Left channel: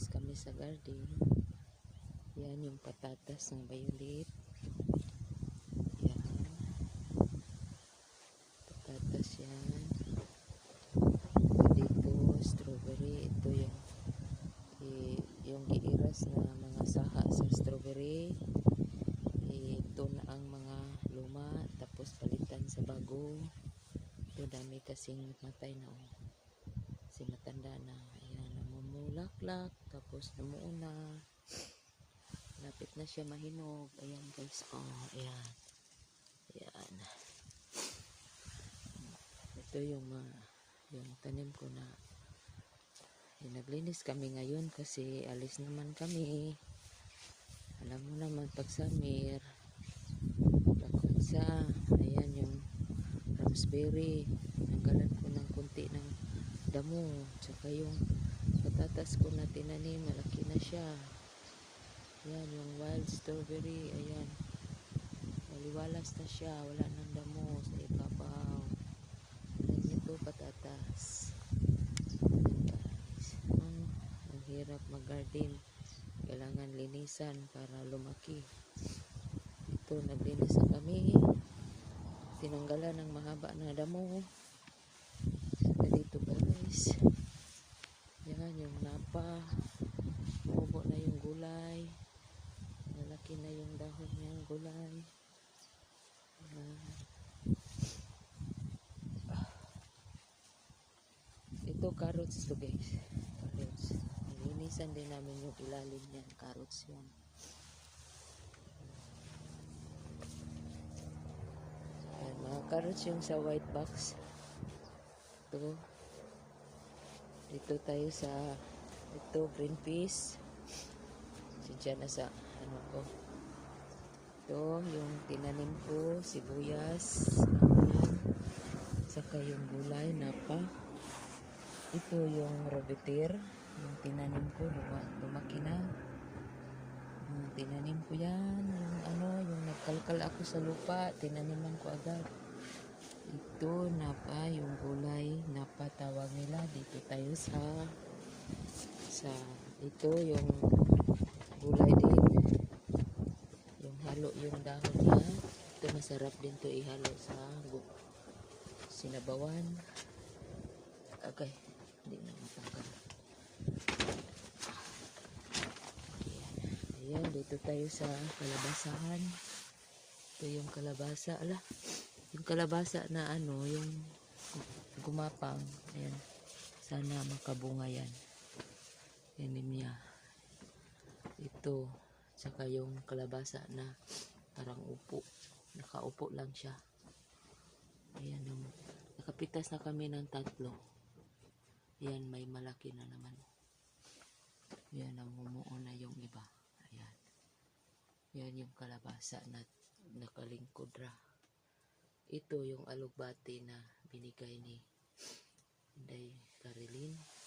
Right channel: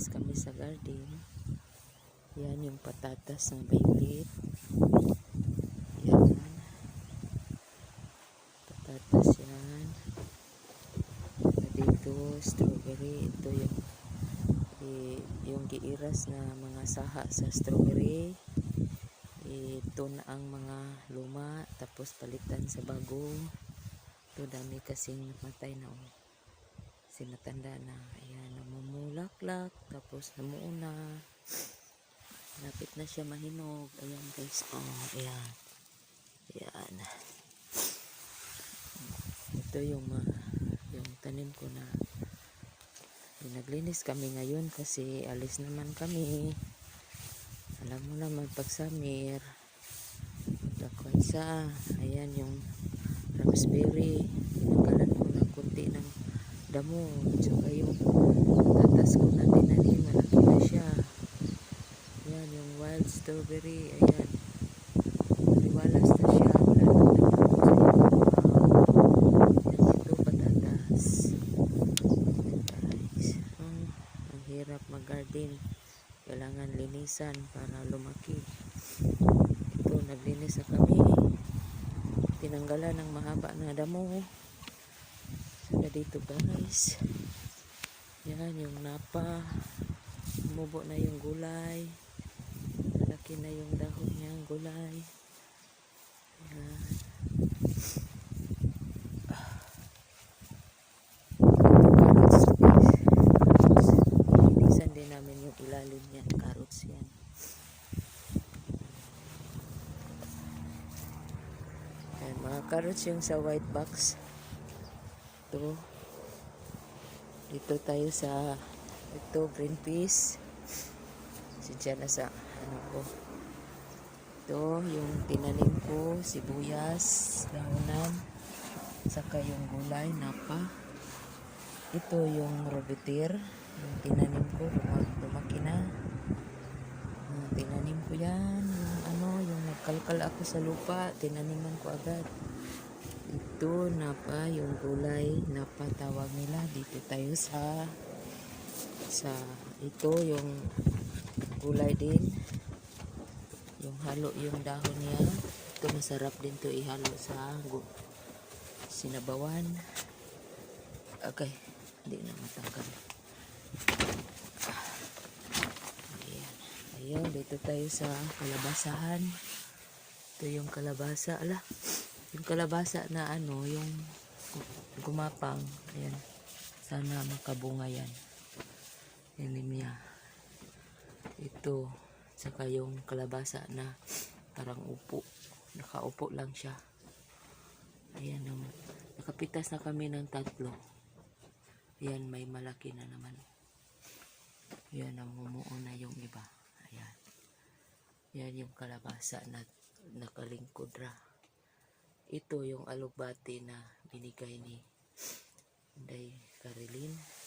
naglinis kami sa garden. Yan yung patatas ng bailit. Yan. Patatas yan. Dito, strawberry. Ito yung, i- yung iiras na mga saha sa strawberry. Ito na ang mga luma. Tapos palitan sa bago. Ito dami kasing matay na oh sinatanda na ayan namumulaklak tapos namuuna. Lapit na siya mahinog. Ayan guys. Oh ayan. Ayan. Ito yung ah, yung tanim ko na naglinis kami ngayon kasi alis naman kami. Alam mo naman pag summer lakon sa ayan yung raspberry. Nagalan ko ng kunti ng damo tsaka yung tatas ko na tinanim malaki na siya yan yung wild strawberry ayan. Liwalas na siya wala yan ito patatas guys ang hirap mag garden kailangan linisan para lumaki. Ito naglinis na kami tinanggalan ng mahaba na damo na dito guys yan yung napa umubo na yung gulay laki na yung dahon niya gulay. Yan ito carrots guys carrots linisan din namin yung ilalim niya carrots yung sa white box. Ito. Dito tayo sa ito green peas. Si na sa ano ko ito yung tinanim ko sibuyas dahonan saka yung gulay napa. Ito yung rubitir yung tinanim ko luma- lumaki na. Ah, tinanim ko yan yung ano yung nagkalkal ako sa lupa tinaniman ko agad. Ito napa yung gulay napa tawag nila dito tayo sa sa ito yung gulay din. yung halo yung dahon niya. Ito masarap din to ihalo sa sinabawan. Okay hindi na matangkad ayan. Ayan dito tayo sa kalabasahan. Ito yung kalabasa. Ala yung kalabasa na ano yung gu- gumapang. Ayan. Sana makabunga yan. Yanim niya. Ito saka yung kalabasa na parang upo. Nakaupo lang siya. Ayan um, nakapitas na kami ng tatlo. Ayan may malaki na naman. Ayan namumuo na yung iba. Ayan. Yan yung kalabasa na nakalingkod ra. Ito yung alugbati na binigay ni Inday Carilin.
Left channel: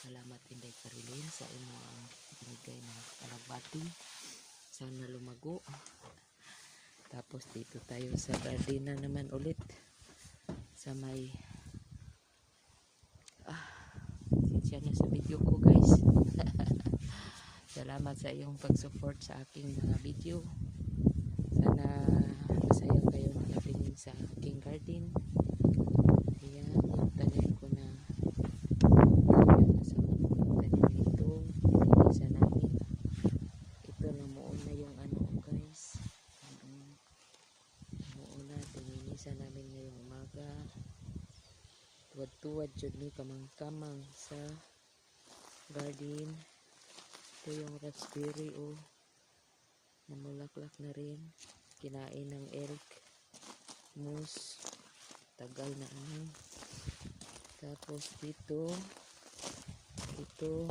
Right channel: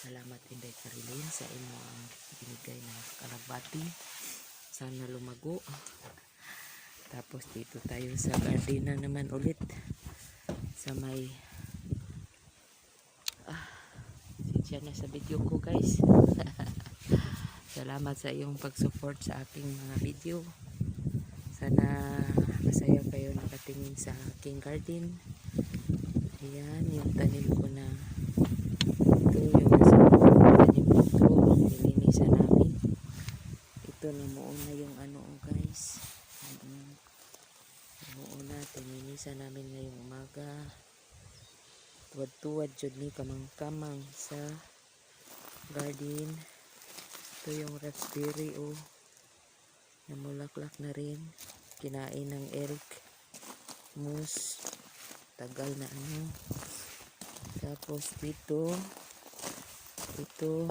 Salamat Inday Carilin sa imo ang binigay na alugbati. Sana lumago. Tapos dito tayo sa garden na naman ulit. Sa may ah, siya na sa video ko guys. Salamat sa iyong pag-support sa aking mga video. Sana masaya kayo nakatingin sa aking garden. Ayan, yung tanim ko na yung nasa tanim dito. Linisan namin. Ito namuon na yung ano guys. Mm, Namuon na. Tininisan namin ngayong umaga. Tuwad-tuwad jud ni kamang-kamang sa garden. Ito yung raspberry oh. Namulaklak na rin. Kinain ng Eric moose. Tagal na ano. Tapos dito ito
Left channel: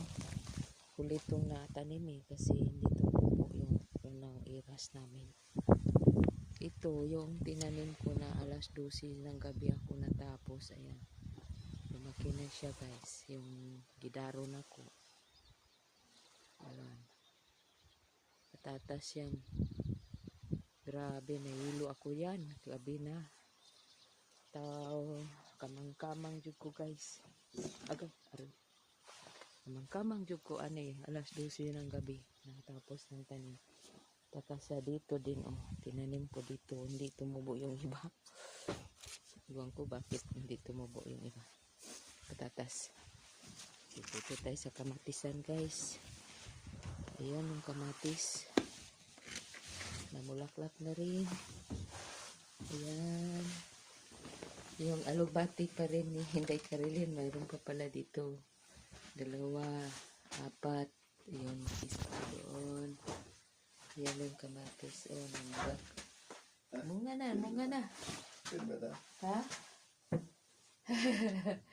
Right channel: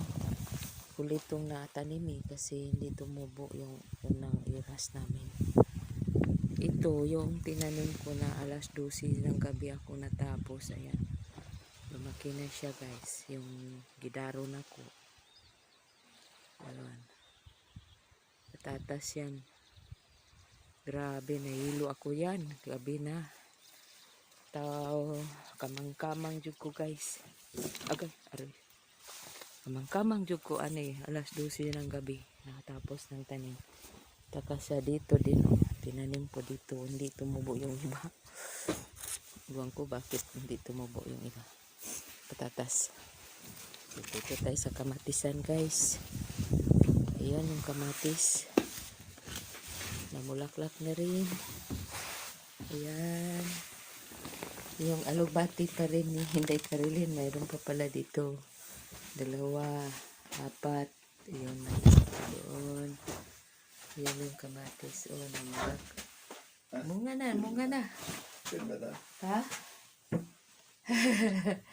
kulit tong natanim eh kasi hindi tumubo yung unang iras namin. Ito yung tinanim ko alas 12 ng gabi ako natapos. Ayan. Lumaki na siya guys. Yung gidaro na ko. Ayan. Patatas yan. Grabe nahilo ako yan. Grabe na. Tao. Kamang kamang jud ko guys. Agay aray. Kamang-kamang jud ko ani alas 12 ng gabi. Nakatapos ng tanim. Taka sa dito din oh. Tinanim ko dito. Hindi tumubo yung iba. Iwan ko bakit hindi tumubo yung iba. Patatas. Dito tayo sa kamatisan guys. Ayan yung kamatis. Namulaklak na rin. Ayan. Yung alubati pa rin ni hindi karilin. Mayroon pa pala dito. Dalawa, apat. Ayan, doon. Ayan yung kamatis. Oh, namulak. Munga na, munga na. Ha?